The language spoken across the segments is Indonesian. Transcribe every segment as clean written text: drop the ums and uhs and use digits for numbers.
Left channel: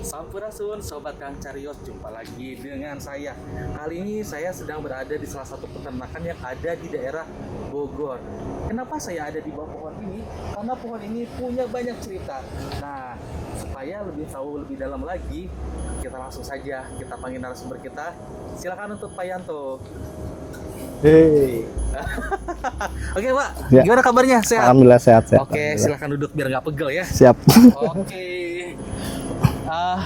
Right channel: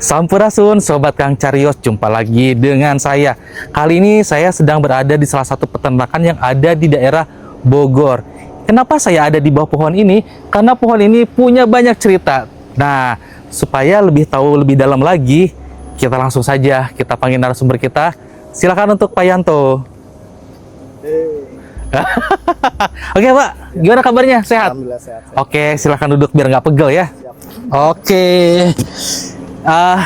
Sampurasun Sobat Kang Cariyos, jumpa lagi dengan saya. Kali ini saya sedang berada di salah satu peternakan yang ada di daerah Bogor. Kenapa saya ada di bawah pohon ini? Karena pohon ini punya banyak cerita. Nah, supaya lebih tahu lebih dalam lagi, kita langsung saja kita panggil narasumber kita. Silakan untuk Pak Yanto. Hey. Oke Pak, Ya. gimana kabarnya? Sehat? Alhamdulillah sehat. Oke, silakan duduk biar nggak pegel ya. Siap. Oke.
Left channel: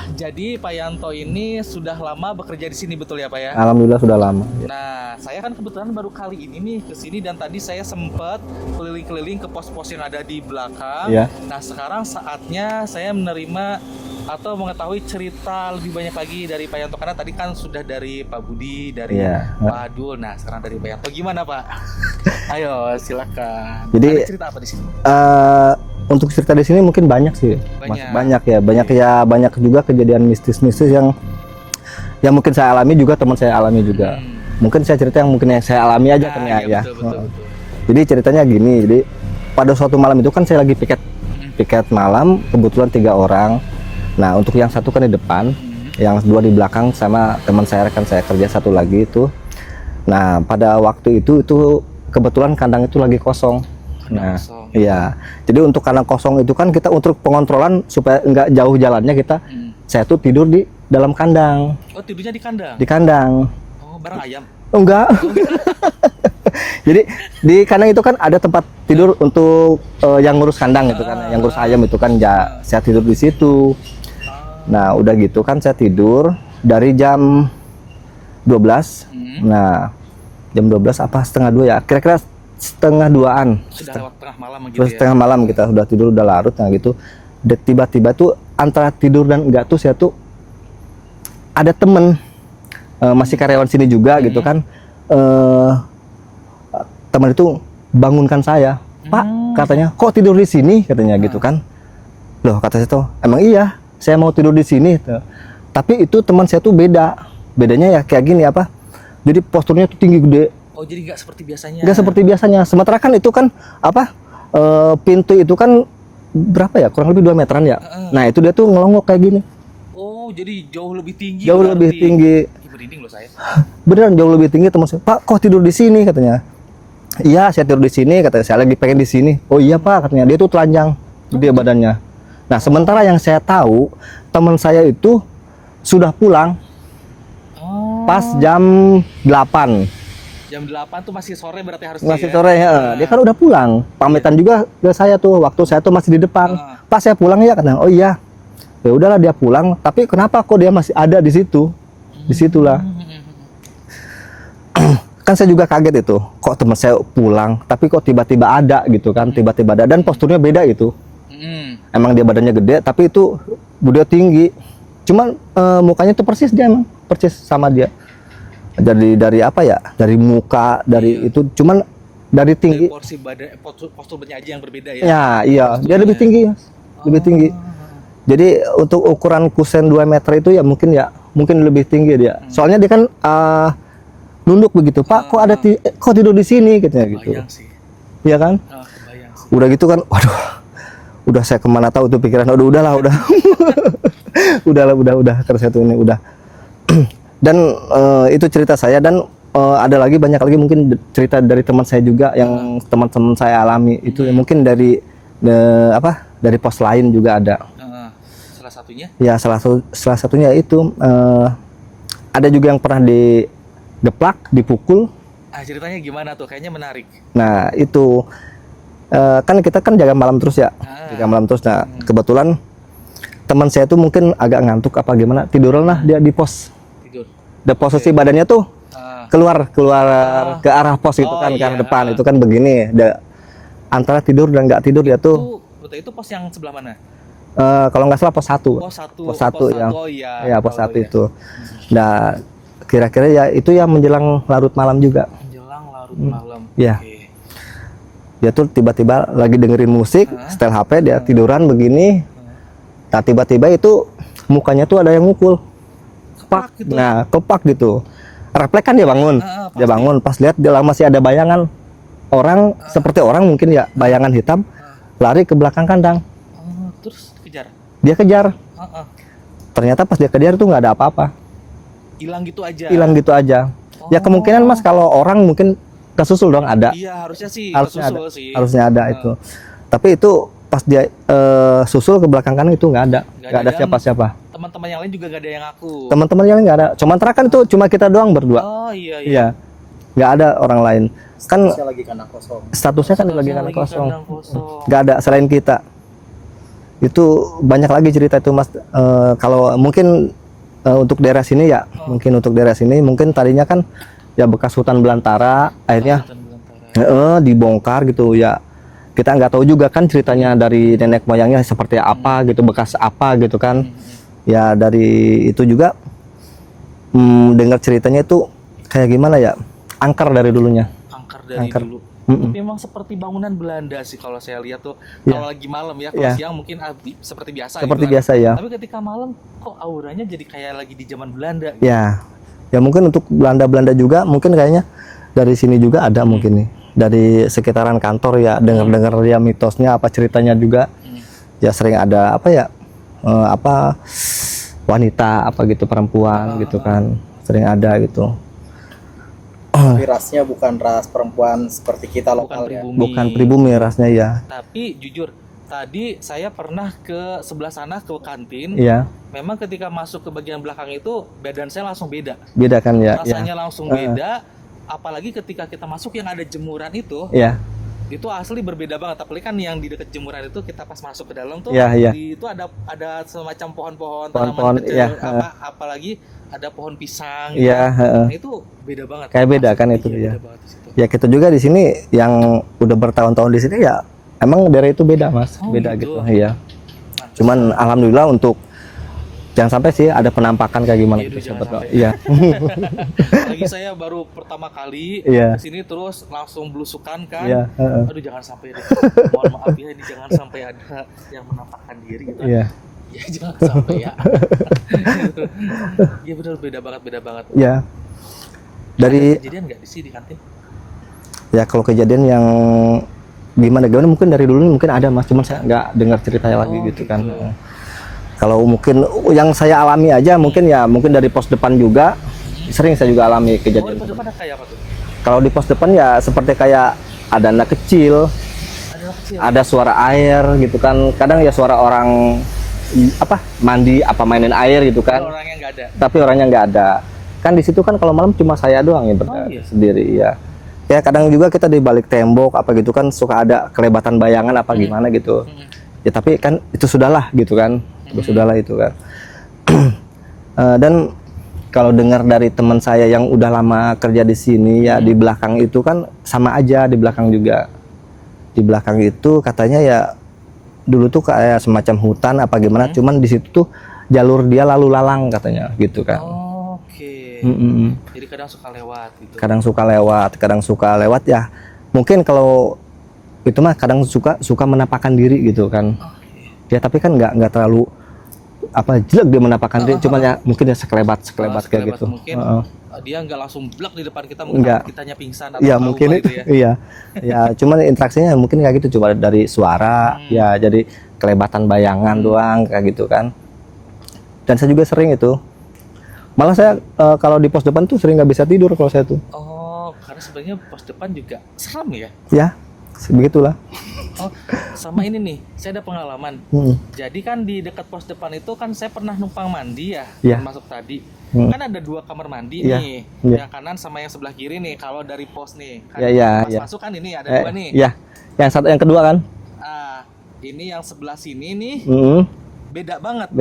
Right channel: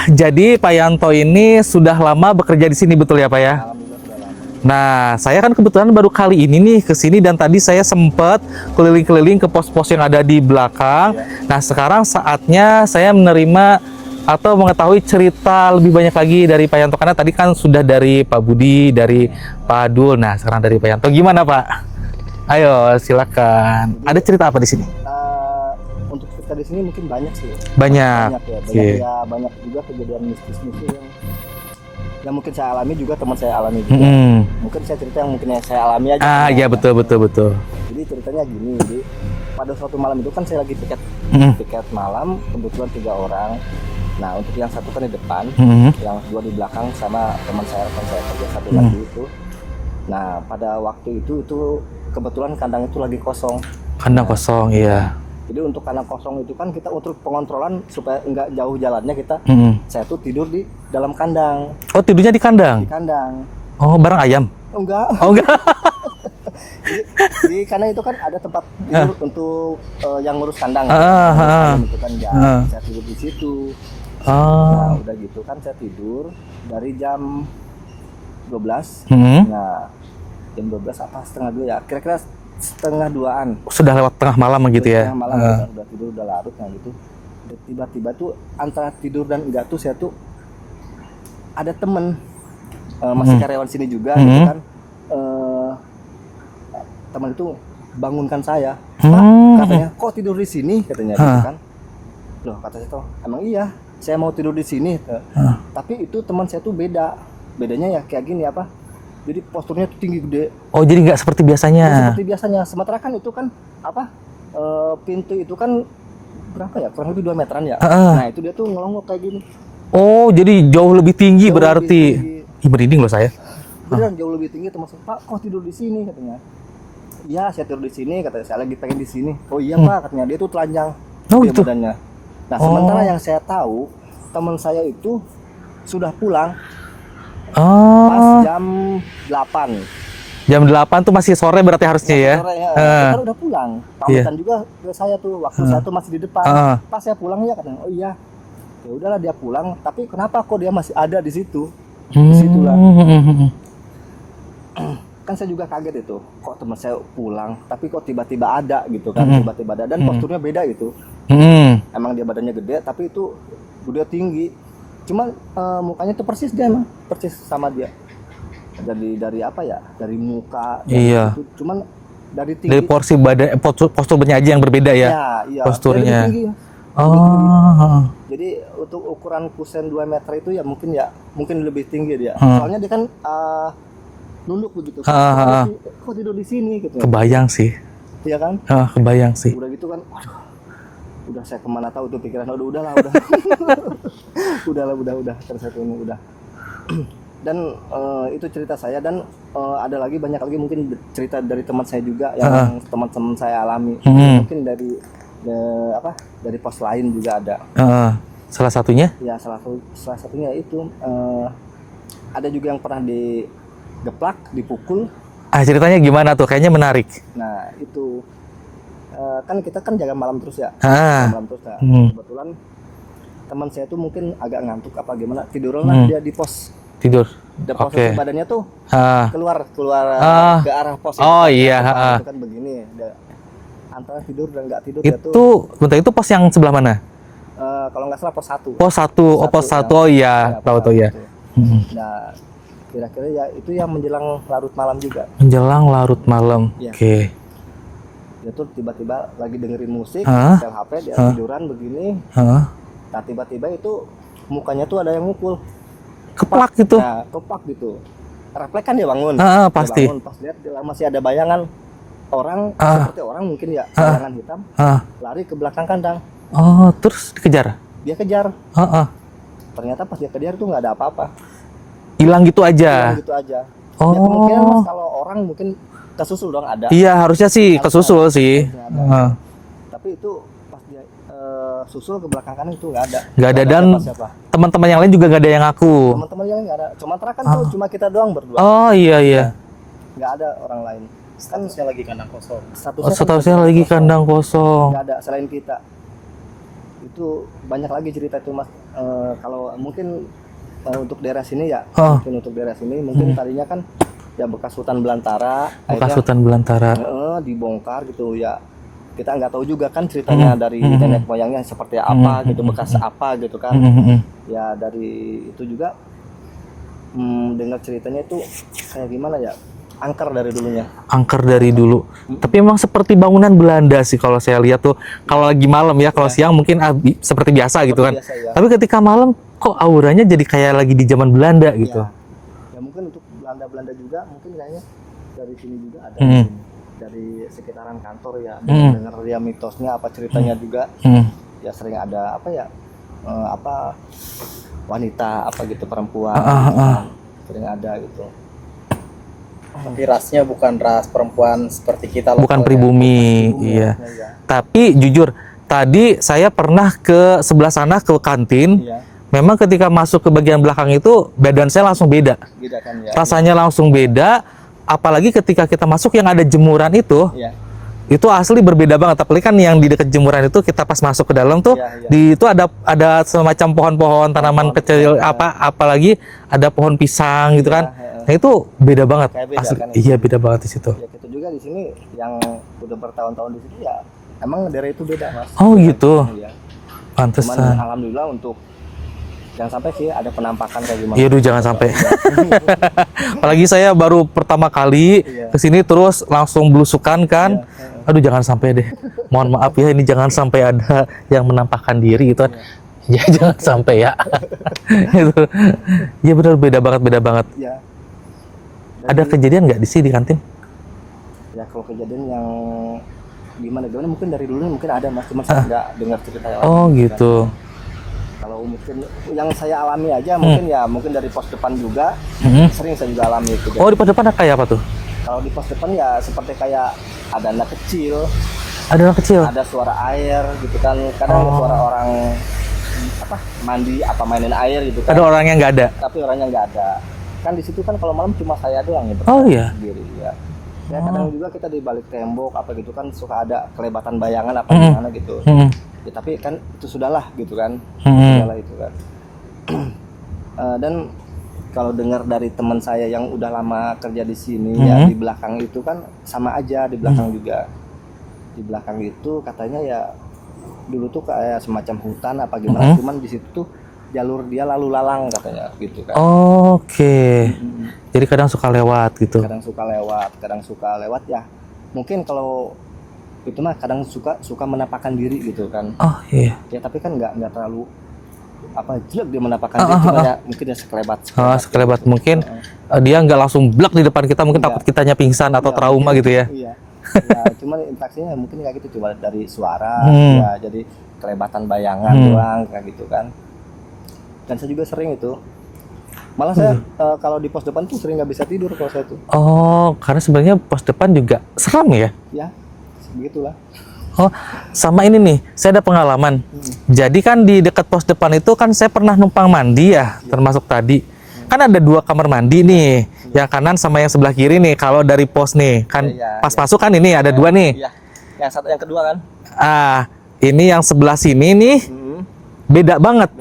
Jadi Pak Yanto ini sudah lama bekerja di sini, betul ya Pak ya? Alhamdulillah sudah lama. Nah, saya kan kebetulan baru kali ini nih ke sini dan tadi saya sempat keliling-keliling ke pos-pos yang ada di belakang. Ya. Nah, sekarang saatnya saya menerima atau mengetahui cerita lebih banyak lagi dari Pak Yanto, karena tadi kan sudah dari Pak Budi, dari Ya. Pak Adul. Nah, sekarang dari Pak Yanto. Gimana Pak? Ayo, silakan. Jadi, ada cerita apa di sini? Untuk cerita di sini mungkin banyak sih. Banyak. Banyak Iya. ya, banyak juga kejadian mistis-mistis yang mungkin saya alami juga, teman saya alami juga. Mungkin saya cerita yang mungkin saya alami aja. Iya, ya. betul. Jadi ceritanya gini, jadi pada suatu malam itu kan saya lagi piket malam, kebetulan 3 orang. Nah, untuk yang satu kan di depan, yang 2 di belakang sama teman saya, rekan saya kerja satu lagi itu. Nah, pada waktu itu kebetulan kandang itu lagi kosong. Kandang kosong, Iya. ya. Jadi untuk kandang kosong itu kan kita untuk pengontrolan supaya nggak jauh jalannya kita, saya tuh tidur di dalam kandang. Oh, tidurnya di kandang? Di kandang. Oh, bareng ayam? Oh, enggak. Oh, enggak. Jadi di kandang itu kan ada tempat tidur untuk yang ngurus kandang, gitu kan. Yang ngurus ayam itu kan saya tidur di situ. Nah, udah gitu kan saya tidur dari jam 12. Nah, jam 12 apa setengah 2 ya? Kira-kira setengah 2-an. Sudah lewat tengah malam gitu ya? Setengah malam kita udah tidur, udah larut, nah gitu. Tiba-tiba tuh antara tidur dan enggak tuh saya tuh ada temen masih karyawan sini juga gitu kan. Teman itu bangunkan saya. Pak, katanya, kok tidur di sini? Katanya gitu kan. Loh, kata saya tuh, emang iya, saya mau tidur di sini. Tapi itu teman saya tuh beda. Bedanya ya kayak gini apa? Jadi posturnya tuh tinggi gede. Oh, jadi nggak seperti biasanya? Nggak seperti biasanya. Sementara kan itu kan apa? Pintu itu kan berapa ya? Kurang lebih 2 meteran ya. Nah, itu dia tuh ngelongok kayak gini. Oh, jadi jauh lebih tinggi Jauh berarti? lebih tinggi. Ih, merinding loh saya. Beneran jauh lebih tinggi. Teman saya, Pak, kok tidur di sini? Katanya. Iya, saya tidur di sini. Katanya, saya lagi pengen di sini. Oh iya Pak, katanya. Dia tuh telanjang, dia gitu? badannya. Nah, sementara yang saya tahu, teman saya itu sudah pulang pas jam 8. Jam 8 tuh masih sore berarti harusnya Masih ya? sore ya. Dia kan udah pulang. Pamitan juga ke saya tuh waktu saya tuh masih di depan. Pas saya pulang ya katanya, oh iya. Ya udahlah dia pulang, tapi kenapa kok dia masih ada di situ? Di situlah. Kan saya juga kaget itu. Kok teman saya pulang, tapi kok tiba-tiba ada gitu kan? Tiba-tiba ada dan posturnya beda gitu. Emang dia badannya gede, tapi itu dia tinggi. Cuman mukanya tuh persis dia emang, persis sama dia. Dari apa ya? Dari muka, dari itu. Cuman dari tinggi. Dari porsi badan, posturnya aja yang berbeda ya? Ya, iya. Posturnya. Dia lebih tinggi. Lebih tinggi. Jadi untuk ukuran kusen 2 meter itu ya mungkin lebih tinggi dia. Soalnya dia kan nunduk begitu. Pak, kok tidur di sini? Katanya. Kebayang gitu. sih. Iya kan? Kebayang sih. Udah gitu kan, waduh. Udah saya kemana tahu tuh pikiran. Udahlah. Udah. Terus itu ini udah. Dan itu cerita saya dan ada lagi banyak lagi mungkin cerita dari teman saya juga yang teman-teman saya alami. Itu mungkin dari dari pos lain juga ada. Salah satunya? Ya salah satunya itu ada juga yang pernah digeplak, dipukul. Ceritanya gimana tuh? Kayaknya menarik. Nah itu kan kita kan jaga malam terus ya, jaga malam terus. Nah kebetulan teman saya tuh mungkin agak ngantuk apa gimana, tidurlah dia di pos. Tidur. Dan posisi badannya tuh keluar ke arah pos itu kan, ke depan itu kan begini. Antara tidur dan nggak tidur dia tuh. Bentar, itu pos yang sebelah mana? Kalau nggak salah pos 1. Pos 1. Pos 1. Oh iya. Pos 1 itu. Nah, kira-kira ya itu yang menjelang larut malam juga. Menjelang larut malam. Ya. Oke. Dia tuh tiba-tiba lagi dengerin musik, setel HP, dia tiduran begini. Nah, tiba-tiba itu mukanya tuh ada yang mukul. Keplak gitu. Nah, keplak gitu. Refleks kan dia bangun. Pasti. Dia bangun, pas lihat dia masih ada bayangan orang seperti orang mungkin ya, bayangan hitam lari ke belakang kandang. Oh, terus dikejar? Dia kejar. ternyata pas dia ke dia tuh nggak ada apa-apa, Hilang gitu aja. hilang gitu aja. Ya kemungkinan Mas kalau orang mungkin kesusul dong, ada. Iya, harusnya sih kesusul sih. Harusnya ada itu. Tapi itu pas dia susul ke belakang kanan itu nggak ada. Nggak ada, dan siapa-siapa. Teman-teman yang lain juga nggak ada yang ngaku. Teman-teman yang lain nggak ada. Cuma kan tuh cuma kita doang berdua. Oh iya iya. Nggak ada orang lain. Kan Statusnya lagi kandang kosong. Statusnya lagi kandang kosong. nggak ada selain kita. Itu banyak lagi cerita itu Mas. Kalau mungkin untuk daerah sini ya, mungkin untuk daerah sini mungkin tadinya kan ya bekas hutan belantara, akhirnya Hutan belantara. dibongkar gitu ya. Kita nggak tahu juga kan ceritanya dari nenek moyangnya seperti apa gitu, bekas apa gitu kan. Ya dari itu juga dengar ceritanya itu kayak gimana ya, angker dari dulunya. Angker dari dulu. Tapi emang seperti bangunan Belanda sih kalau saya lihat tuh. Kalau lagi malam ya, kalau siang mungkin seperti biasa gitu kan. Biasa ya. Tapi ketika malam kok auranya jadi kayak lagi di zaman Belanda gitu. Ya mungkin untuk Belanda juga mungkin kayaknya dari sini juga ada mungkin nih. Dari sekitaran kantor ya, dengar-dengar ya mitosnya apa ceritanya juga. Ya sering ada apa ya, wanita apa gitu, perempuan gitu kan. Sering ada gitu. Tapi rasnya bukan ras perempuan seperti kita lokal. Bukan pribumi. Bukan pribumi Iya. rasnya ya. Tapi jujur, tadi saya pernah ke sebelah sana ke kantin. Iya. Memang ketika masuk ke bagian belakang itu badan saya langsung beda. Beda kan ya. Rasanya langsung beda. Apalagi ketika kita masuk yang ada jemuran itu. Iya. Itu asli berbeda banget. Apalagi kan yang di dekat jemuran itu kita pas masuk ke dalam tuh, Iya. di itu ada semacam pohon-pohon tanaman kecil, apalagi ada pohon pisang gitu kan. Nah, itu beda banget. Kayak beda kan itu, Iya, ya. beda banget di situ. Ya kita juga di sini yang udah bertahun-tahun di sini ya emang daerah itu beda Mas. Oh, Beda gitu. Iya. Pantesan. Cuman alhamdulillah untuk jangan sampai sih ada penampakan kayak gimana. Iya, jangan sampai. Iya. Apalagi saya baru pertama kali Iya. kesini terus langsung belusukan kan. Iya, Aduh, jangan sampai deh. Mohon maaf ya, ini jangan sampai ada yang menampakkan diri gitu. Iya. Ya jangan sampai ya. Iya benar, beda banget. Ya. Ada kejadian nggak di sini di kantin? Ya kalau kejadian yang gimana mungkin dari dulu mungkin ada Mas, cuma saya nggak dengar ceritanya lagi Oh gitu. gitu. Kan. Kalau mungkin yang saya alami aja mungkin dari pos depan juga sering saya juga alami kejadian. Oh, di pos depan kayak apa tuh? Kalau di pos depan ya seperti kayak ada anak kecil, Ada anak kecil. ada suara air gitu kan. Kadang ya suara orang mandi mainin air gitu kan. Ada orang yang nggak ada. Tapi orangnya nggak ada. Kan di situ kan kalau malam cuma saya doang yang Oh, iya? sendiri ya. Ya kadang juga kita di balik tembok apa gitu kan suka ada kelebatan bayangan apa gimana gitu. Ya tapi kan itu sudahlah gitu kan. Itu sudahlah itu kan. Dan kalau dengar dari teman saya yang udah lama kerja di sini ya di belakang itu kan sama aja di belakang juga. Di belakang itu katanya ya dulu tuh kayak semacam hutan apa gimana, cuman di situ tuh jalur dia lalu lalang katanya gitu kan. Oke. Jadi kadang suka lewat gitu. Kadang suka lewat ya. Mungkin kalau itu mah kadang suka menampakkan diri gitu kan. Oh iya. Ya tapi kan nggak terlalu jelek dia menampakkan diri, cuma ya mungkin ya sekelebat Sekelebat gitu. mungkin dia nggak langsung blak di depan kita, mungkin takut kitanya pingsan atau Iya, trauma mungkin gitu ya. Iya. Ya cuman interaksinya mungkin kayak gitu, cuma dari suara ya, jadi kelebatan bayangan doang kayak gitu kan. Dan saya juga sering itu. Malah saya kalau di pos depan tuh sering nggak bisa tidur kalau saya tuh. Oh, karena sebenarnya pos depan juga seram ya? Ya, begitulah. Oh, sama ini nih, saya ada pengalaman. Jadi kan di dekat pos depan itu kan saya pernah numpang mandi ya, termasuk tadi. Kan ada 2 kamar mandi nih, yang kanan sama yang sebelah kiri nih. Kalau dari pos nih, kan pas masuk kan ini ada 2 nih. Iya, yang kedua kan. Ini yang sebelah sini nih, beda banget.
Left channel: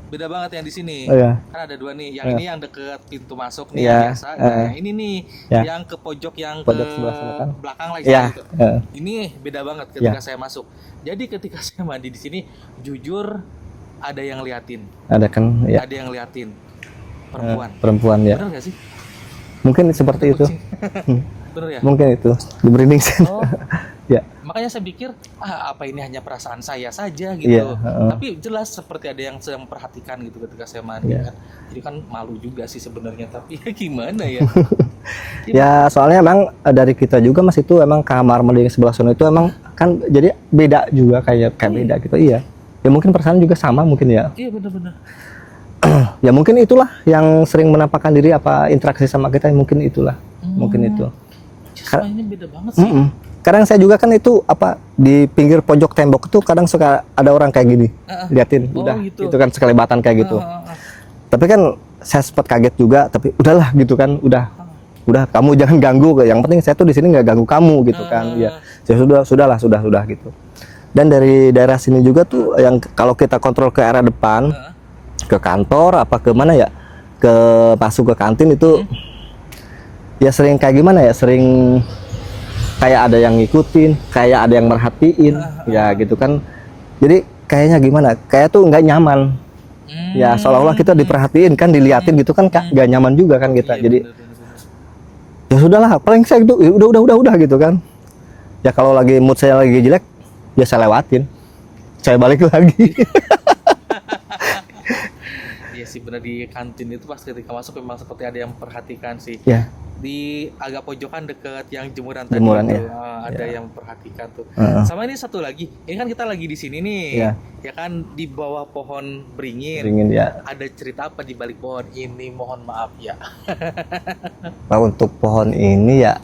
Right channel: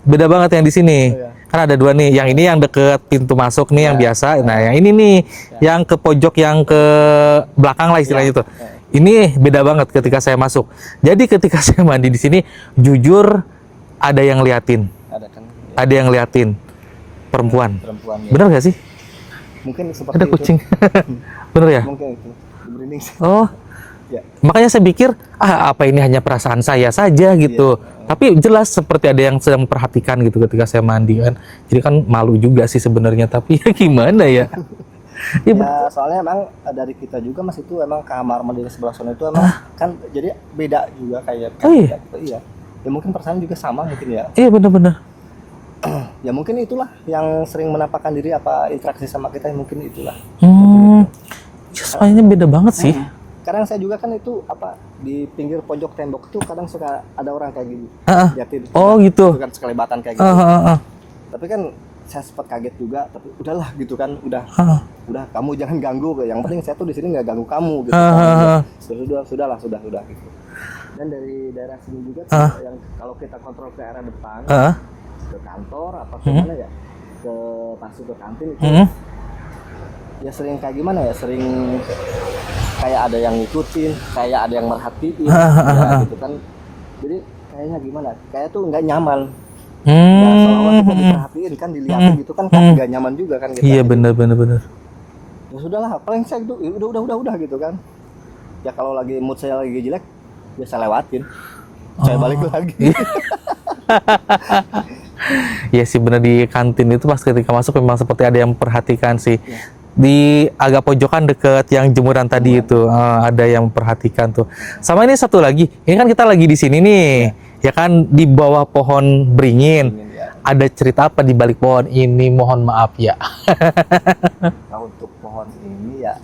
Beda banget yang di sini. Kan ada 2 nih. Yang ini yang deket pintu masuk nih yang biasa. Nah, yang ini nih yang ke pojok yang ke belakang lah istilahnya itu. Ini beda banget ketika saya masuk. Jadi ketika saya mandi di sini, jujur ada yang liatin. Ada kan? Ya. Ada yang liatin. Perempuan. Perempuan ya. Bener gak sih? Mungkin seperti Ada itu. kucing. Bener ya? Mungkin itu. Di merinding sih. Oh. Ya. Makanya saya pikir, apa ini hanya perasaan saya saja gitu. Tapi jelas seperti ada yang sedang memperhatikan gitu ketika saya mandi kan. Jadi kan malu juga sih sebenarnya, tapi ya gimana ya? Ya soalnya emang dari kita juga Mas itu emang kamar mandi yang sebelah sana itu emang kan jadi beda juga kayak beda gitu. Iya. Ya mungkin perasaan juga sama mungkin ya. Iya benar-benar. Ya mungkin itulah yang sering menampakkan diri apa interaksi sama kita, mungkin itulah. Mungkin itu. Soalnya beda banget sih. Kadang saya juga kan itu apa di pinggir pojok tembok itu kadang suka ada orang kayak gini, liatin. Oh, udah, gitu. Itu kan sekelebatan kayak gitu. Tapi kan saya sempat kaget juga, tapi udahlah gitu kan, udah kamu jangan ganggu, yang penting saya tuh di sini nggak ganggu kamu gitu kan. Ya sudah gitu. Dan dari daerah sini juga tuh yang kalau kita kontrol ke arah depan, ke kantor apa ke mana ya, ke masuk ke kantin itu ya sering kayak gimana ya, sering kayak ada yang ngikutin, kayak ada yang merhatiin, ya gitu kan. Jadi kayaknya gimana, kayak tuh nggak nyaman. Ya seolah-olah kita diperhatiin kan, diliatin gitu kan, nggak nyaman juga kan kita. Iya, jadi benar. ya sudahlah, paling saya itu ya udah gitu kan. Ya kalau lagi mood saya lagi jelek, ya saya lewatin, saya balik lagi. Iya sih, benar, di kantin itu pas ketika masuk memang seperti ada yang memperhatikan sih. Ya. Di agak pojokan deket yang jemuran tadi itu ada yang memperhatikan tuh. Sama ini satu lagi, ini kan kita lagi di sini nih, ya kan, di bawah pohon beringin. Ya. Ada cerita apa di balik pohon ini? Mohon maaf ya. Nah, untuk pohon ini ya,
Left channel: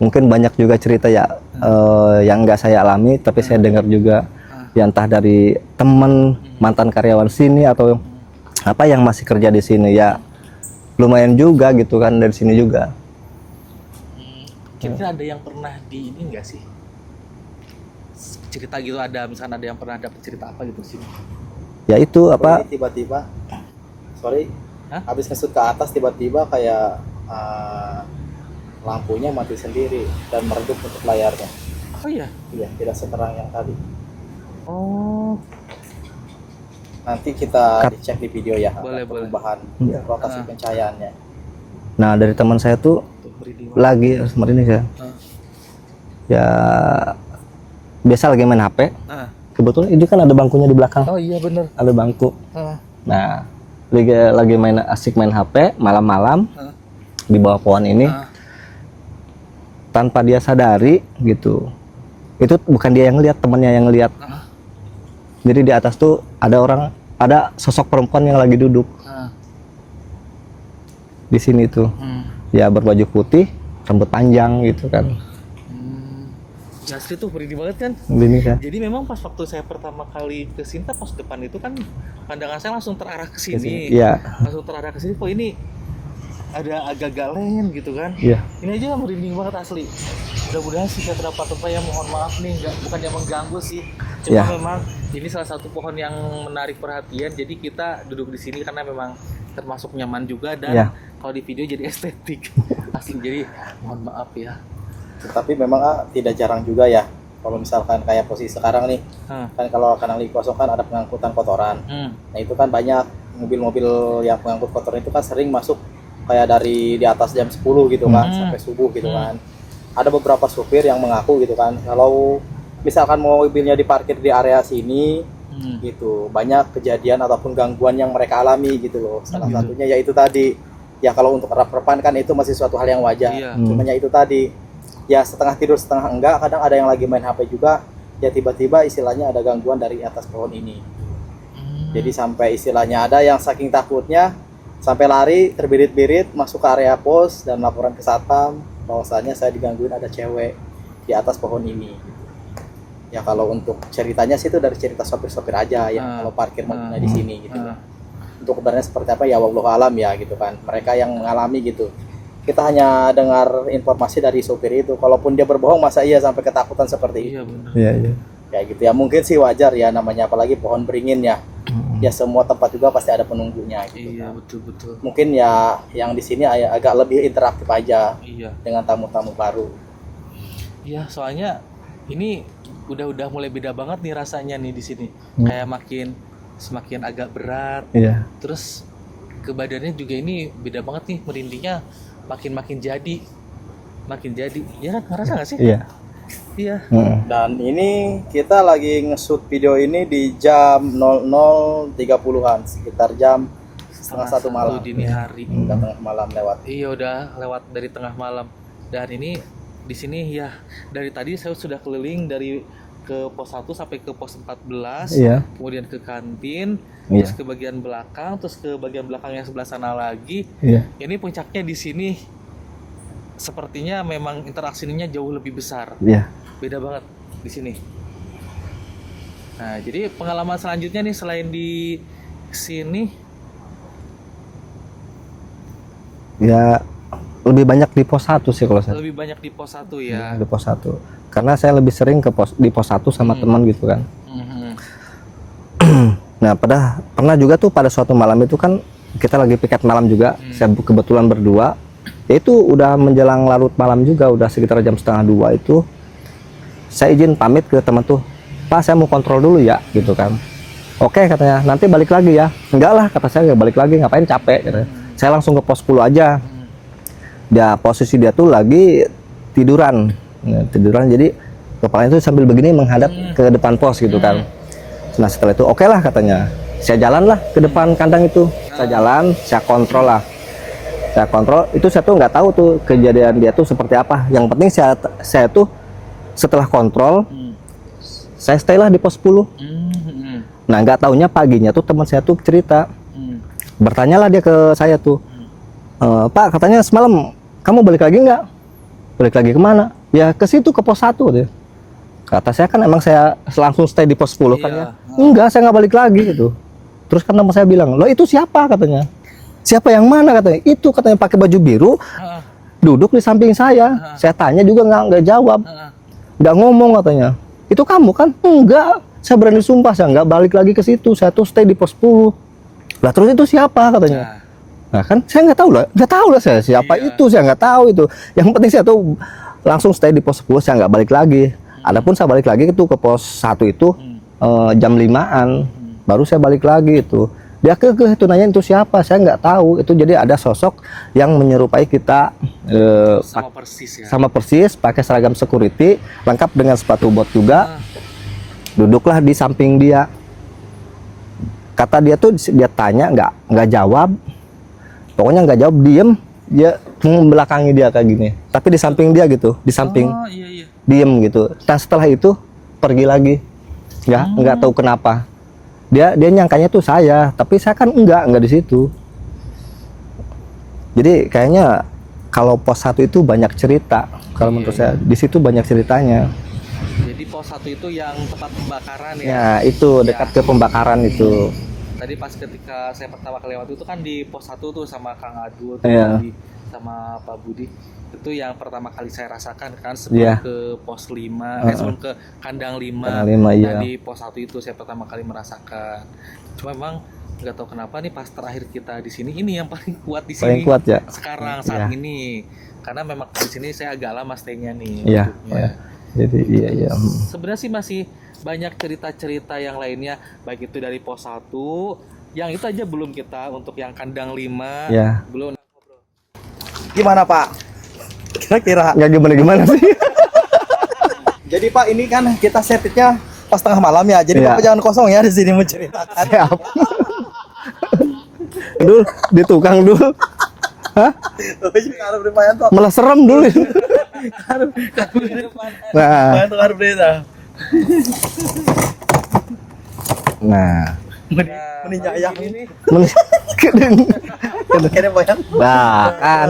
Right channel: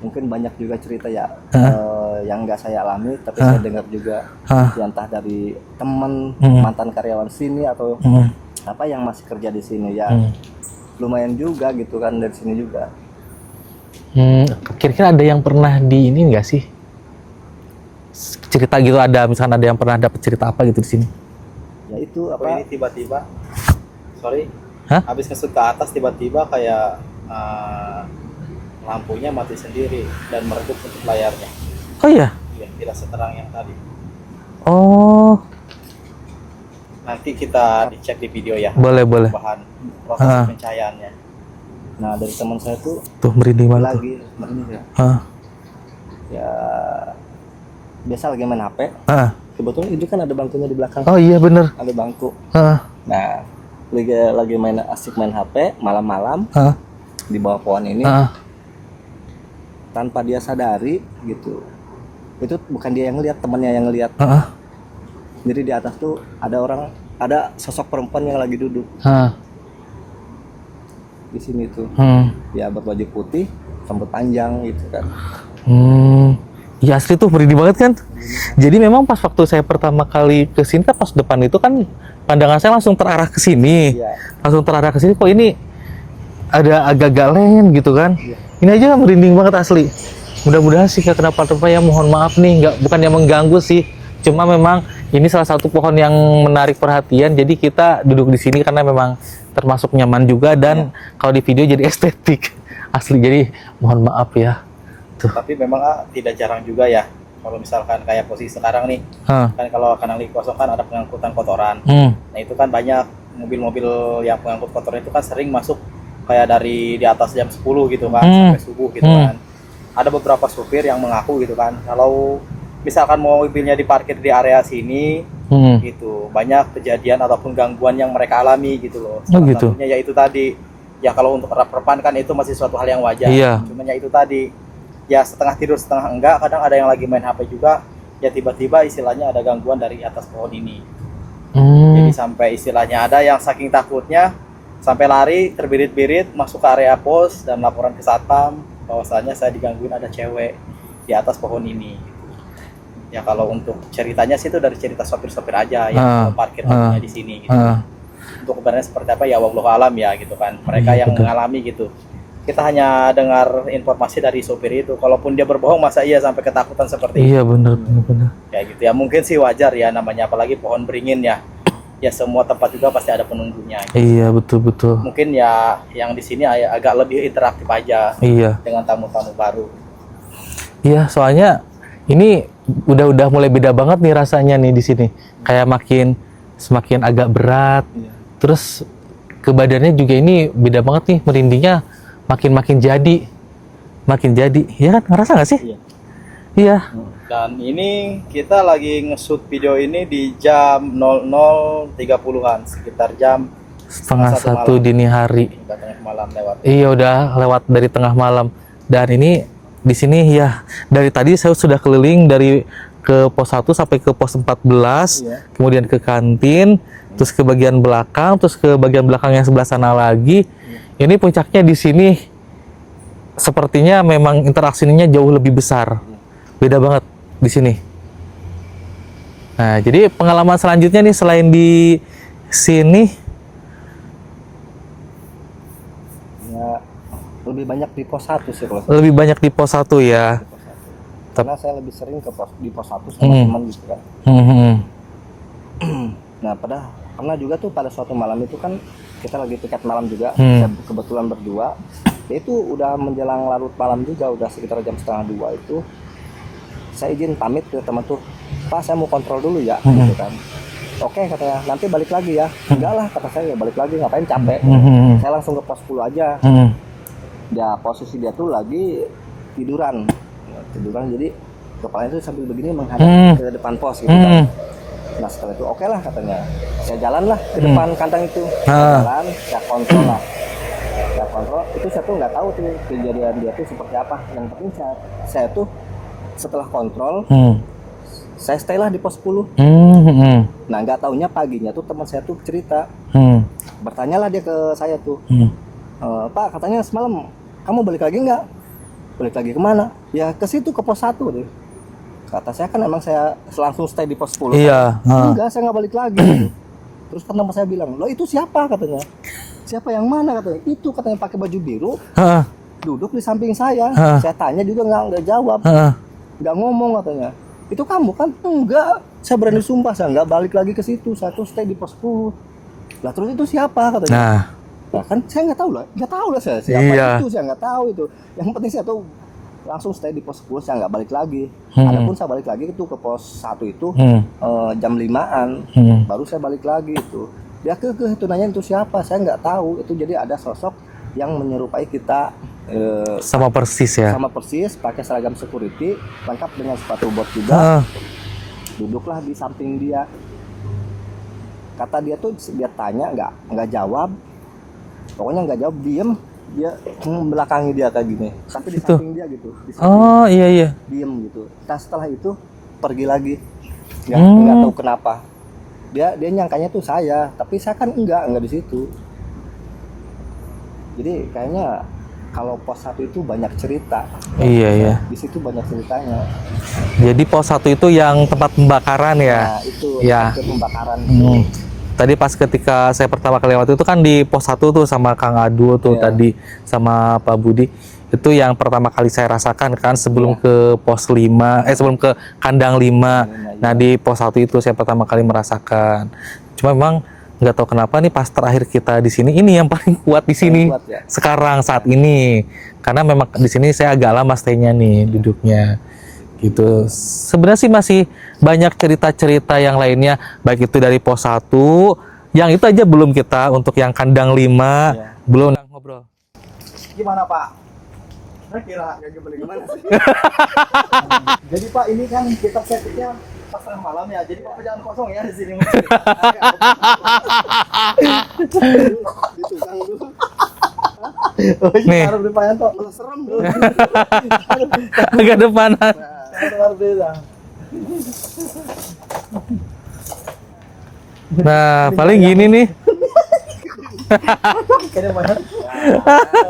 mungkin banyak juga cerita ya yang nggak saya alami, tapi saya dengar juga, ya entah dari teman mantan karyawan sini atau apa yang masih kerja di sini ya. Lumayan juga gitu kan dari sini juga. Kira-kira ada yang pernah di ini nggak sih? Cerita gitu, ada misalkan ada yang pernah dapat cerita apa gitu di sini? Ya itu apa? Ini tiba-tiba, sorry, Hah? habis ngesut ke atas tiba-tiba kayak lampunya mati sendiri dan meredup untuk layarnya. Oh iya? Iya, tidak seterang yang tadi. Oh, Nanti kita dicek di video ya. boleh. Bahan proses pencahayaannya. Nah dari teman saya tuh Merinding banget. lagi merinding ya. Ya biasa lagi main HP. Kebetulan itu kan ada bangkunya di belakang. Oh iya bener. Ada bangku. Nah lagi asik main HP malam-malam di bawah pohon ini. Tanpa dia sadari gitu. Itu bukan dia yang lihat, temannya yang lihat. Jadi di atas tuh ada sosok perempuan yang lagi duduk di sini tuh. Ya berbaju putih, rambut panjang gitu kan. Ya asli tuh merinding banget kan. Gini kan. Jadi memang pas waktu saya pertama kali ke sini, pas depan itu kan pandangan saya langsung terarah ke sini. Iya. Langsung terarah ke sini. Kok ini ada agak galen gitu kan? Iya. Ini aja merinding banget asli. Mudah-mudahan sih gak kenapa-napa ya, mohon maaf nih, bukan yang mengganggu sih. Cuma memang ini salah satu pohon yang menarik perhatian, jadi kita duduk di sini karena memang termasuk nyaman juga, dan kalau di video jadi estetik asli. Jadi mohon maaf ya. Tuh. Tapi memang tidak jarang juga ya, kalau misalkan kayak posisi sekarang nih, kan kalau kanang lagi kosong kan ada pengangkutan kotoran. Nah itu kan banyak mobil-mobil yang pengangkut kotoran itu kan sering masuk kayak dari di atas jam 10 gitu kan, sampai subuh gitu kan. Ada beberapa supir yang mengaku gitu kan, kalau misalkan mobilnya diparkir di area sini, gitu, banyak kejadian ataupun gangguan yang mereka alami gitu loh. Salah satunya ya itu tadi, ya kalau untuk rep-repan kan itu masih suatu hal yang wajar. Cuma ya itu tadi, ya setengah tidur setengah enggak, kadang ada yang lagi main HP juga, ya tiba-tiba istilahnya ada gangguan dari atas pohon ini. Jadi sampai istilahnya ada yang saking takutnya sampai lari terbirit-birit masuk ke area pos dan laporan ke satpam bahwasanya saya digangguin ada cewek di atas pohon ini. Ya kalau untuk ceritanya sih itu dari cerita sopir-sopir aja yang kalau parkir mobilnya di sini gitu. Untuk kebenarannya seperti apa ya wallahu alam ya gitu kan. Mereka yang mengalami gitu. Kita hanya dengar informasi dari sopir itu. Kalaupun dia berbohong masa iya sampai ketakutan seperti itu. Iya benar. Kayak gitu ya, mungkin sih wajar ya, namanya apalagi pohon beringin ya. Ya semua tempat juga pasti ada penunggunya gitu. Iya betul. Mungkin ya yang di sini agak lebih interaktif aja. Dengan tamu-tamu baru. Iya, soalnya ini udah mulai beda banget nih rasanya nih di sini. Kayak semakin agak berat. Terus ke badannya juga ini beda banget nih, merindingnya makin jadi. Ya kan, ngerasa nggak sih? Iya. Dan ini kita lagi nge-shoot video ini di jam 00.30-an, sekitar jam setengah satu dini hari. Tengah malam lewat. Iya, udah lewat dari tengah malam. Dan ini di sini ya dari tadi saya sudah keliling dari ke pos 1 sampai ke pos 14, Iya. kemudian ke kantin, terus ke bagian belakang, terus ke bagian belakang yang sebelah sana lagi. Iya. Ini puncaknya di sini sepertinya memang interaksinya jauh lebih besar. Iya. Beda banget di sini. Nah, jadi pengalaman selanjutnya nih selain di sini, Ya lebih banyak di pos 1 sih kalau saya. lebih banyak di pos 1 ya. Di pos 1. Karena saya lebih sering di pos 1 sama teman gitu kan. Hmm. Nah, pernah juga tuh pada suatu malam itu kan kita lagi piket malam juga. Saya kebetulan berdua. Ya itu udah menjelang larut malam juga, udah sekitar jam setengah 2 itu. Saya izin pamit ke teman tuh, Pak saya mau kontrol dulu ya, gitu kan. Oke katanya, nanti balik lagi ya. Enggak lah, kata saya, nggak balik lagi, ngapain capek. Saya langsung ke pos 10 aja. Dia posisi dia tuh lagi tiduran. Nah, tiduran jadi kepalanya tuh sambil begini menghadap ke depan pos gitu kan. Nah setelah itu oke lah katanya, saya jalan lah ke depan kandang itu. Saya jalan, saya kontrol lah. Saya kontrol, itu saya tuh nggak tahu tuh kejadian dia tuh seperti apa. Yang penting saya tuh setelah kontrol, saya stay lah di pos 10. Nah nggak taunya paginya tuh teman saya tuh cerita, bertanyalah dia ke saya tuh, Pak katanya semalam kamu balik lagi nggak? Balik lagi kemana? Ya ke situ, ke pos 1 deh. Kata saya kan emang saya langsung stay di pos 10. Iya. Enggak, saya nggak balik lagi gitu. Terus kan teman saya bilang, lo itu siapa katanya? Siapa yang mana katanya? Itu katanya pakai baju biru, duduk di samping saya. Saya tanya juga nggak jawab, nggak ngomong katanya. Itu kamu kan? Enggak, saya berani sumpah saya nggak balik lagi ke situ. Saya tuh stay di pos 10. Lah terus itu siapa katanya? Nah kan saya nggak tahu lah saya siapa itu, saya nggak tahu itu. Yang penting saya tuh langsung stay di pos 10, saya nggak balik lagi. Adapun saya balik lagi itu ke pos 1 itu jam 5-an, baru saya balik lagi itu. Dia itu nanya itu siapa, saya nggak tahu. Itu jadi ada sosok yang menyerupai kita, Sama persis ya. sama persis, pakai seragam security, lengkap dengan sepatu bot juga. Duduklah di samping dia. Kata dia tuh, dia tanya nggak jawab. Pokoknya nggak jawab, diem. Dia membelakangi dia kayak gini. Tapi di samping dia gitu, di samping. Oh iya. Diem gitu. Nah setelah itu pergi lagi. Ya nggak tahu kenapa. Dia nyangkanya tuh saya, tapi saya kan enggak di situ. Jadi kayaknya kalau pos 1 itu banyak cerita. Kalau menurut saya, di situ banyak ceritanya. Jadi pos 1 itu yang tempat pembakaran ya. Nah itu dekat ke pembakaran itu. Tadi pas ketika saya pertama kali lewat itu kan di pos 1 tuh sama Kang Adu tuh tadi sama Pak Budi. Itu yang pertama kali saya rasakan kan sebelum ke pos 5, sebelum ke kandang 5. Nah di pos 1 itu saya pertama kali merasakan. Cuma memang nggak tahu kenapa nih pas terakhir kita di sini ini yang paling kuat di sini. Kuat, ya? Sekarang saat ini. Karena memang di sini saya agak lama stay-nya nih duduknya. Jadi Gitu. Sebenarnya sih masih banyak cerita-cerita yang lainnya, baik itu dari pos 1, yang itu aja belum kita untuk yang kandang 5 belum ngobrol. Gimana Pak? Kira-kira. Nggak gimana sih. Jadi Pak ini kan kita setnya pas tengah malam ya. Jadi Bapak jangan kosong ya di sini menceritakan. Dul, di tukang dul. Hah? Nih. Malah serem dulu. Agak depan. Nah, paling gini nih. Nah, kan.